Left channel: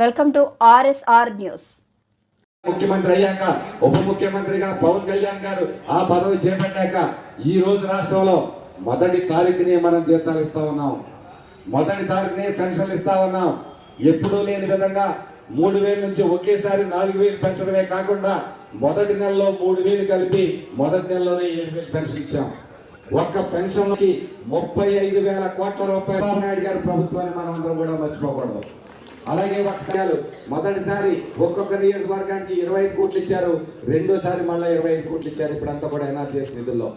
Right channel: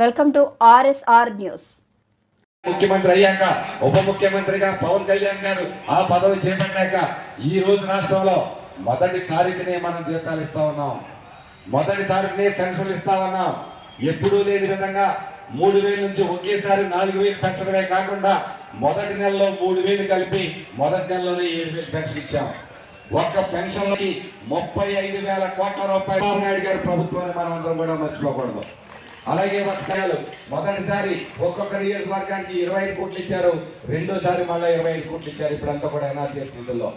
Welcome to RSR news. ముఖ్యమంత్రి అయ్యాక ఉప ముఖ్యమంత్రిగా పవన్ కళ్యాణ్ గారు ఆ పదవి చేపట్టాక ఈ రోజు రాష్ట్రంలో మొదటి తారీఖుని మనం జీతాలు ఇస్తా ఉన్నాం. మొదటి తారీఖుని పెన్షన్లు ఇస్తా ఉన్నాం. ఎప్పుడూ లేని విధంగా మూడు వేలు నుంచి ఒకేసారి నాలుగు వేలు పెంచడమే కాకుండా మొదటి నెలలో మూడు వేలు కలిపి మొదటి నెలలోనే ఏడు వేలు పెన్షన్ ఇచ్చాం. ఒక్క పెన్షన్కి ముప్పై ఐదు వేల కోట్ల రూపాయలు. నాయుడు గారి ప్రభుత్వాన్ని మనం అందరం కూడా మర్చిపోకూడదు. అలాగే వర్షాలు మొదటిసారి ఒక్కొక్క నియోజకవర్గానికి ఇరవై ఐదు కోట్లు ఇచ్చారు. రెండోసారి మళ్ళీ ఇరవై ఐదు కోట్లు ఇచ్చారు. ఇప్పుడంతా కూడా ఎన్ఆర్జీఎస్ నిధుల్లో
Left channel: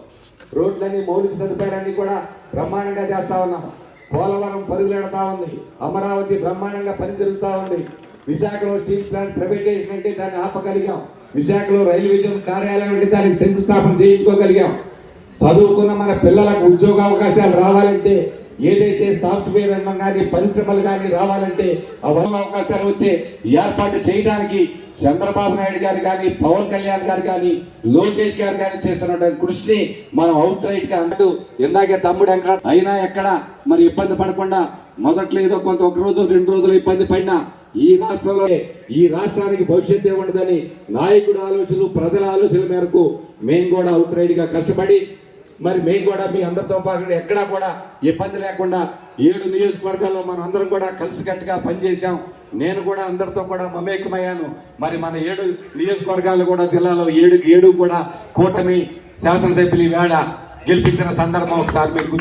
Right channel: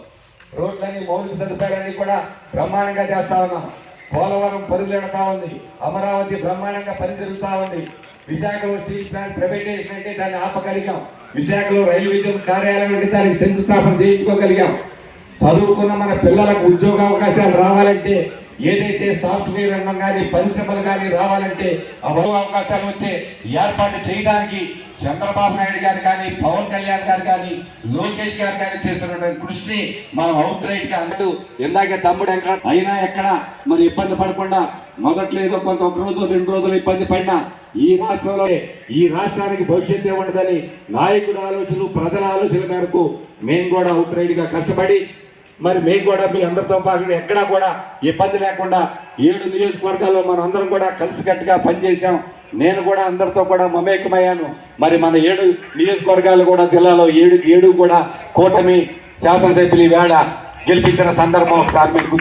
రోడ్లన్నీ మౌలిక సదుపాయాలన్నీ కూడా బ్రహ్మాండంగా చేస్తా ఉన్నాం. పోలవరం పరుగులెడతా ఉంది. అమరావతి బ్రహ్మాండంగా పని ఉంది. విశాఖలో స్టీల్ ప్లాంట్ ప్రైవేటైజేషన్ అంటే దాన్ని ఆపగలిగాం. విశాఖలో రైల్వే కార్యాలయం అంటే దానికి శంకుస్థాపన చేయించుకోగలిగాం. చదువుకున్న మన పిల్లలకు ఉద్యోగ అవకాశాలు రావాలంటే ఏదైతే సాఫ్ట్వేర్ రంగం కానీ పరిశ్రమలు కానీ రావాలంటే అవకాశాలు వచ్చే ఏర్పాటు చేయడానికి చంద్రబాబు నాయుడు గారు కానీ పవన్ కళ్యాణ్ గారు కానీ లోకేష్ గారు కానీ చేస్తున్నటువంటి కృషిని మనం అవుట్ రైట్గా అంటూ ఇందాక తమ్ముడు ఎక్కడ అయినా ఎక్కడ మరి ఇబ్బంది పడకుండా మొదట్లో ఏదో కొంత ఒక రోజు రెండు రోజులు ఇబ్బంది పడినా ఈ రాష్ట్రంలో ఈ రాష్ట్రానికి భవిష్యత్తు ఉండదని నాయకుడు ఆలోచనలు ప్రజల ఆలోచనల మేరకు మేము కూడా అవుట్ రైట్గా కష్టపడి మరి మేము కూడా మీ అందరితో పాటు ఎక్కడా కూడా ఇబ్బంది లేకుండా ఏడు నియోజకవర్గాల్లో మనం అందరం కూడా కలిసికట్టుగా పనిచేసాం నేను కూడా అందరితో కూడా మమేకమయ్యాను. మరి మన ఏడు నియోజకవర్గాలు కూడా జిల్లాలో ఏడు ఏడు కూడా కూటమి శాసనసభ్యులు వేళ గెలిపించిన సందర్భం ఒకసారి మీకు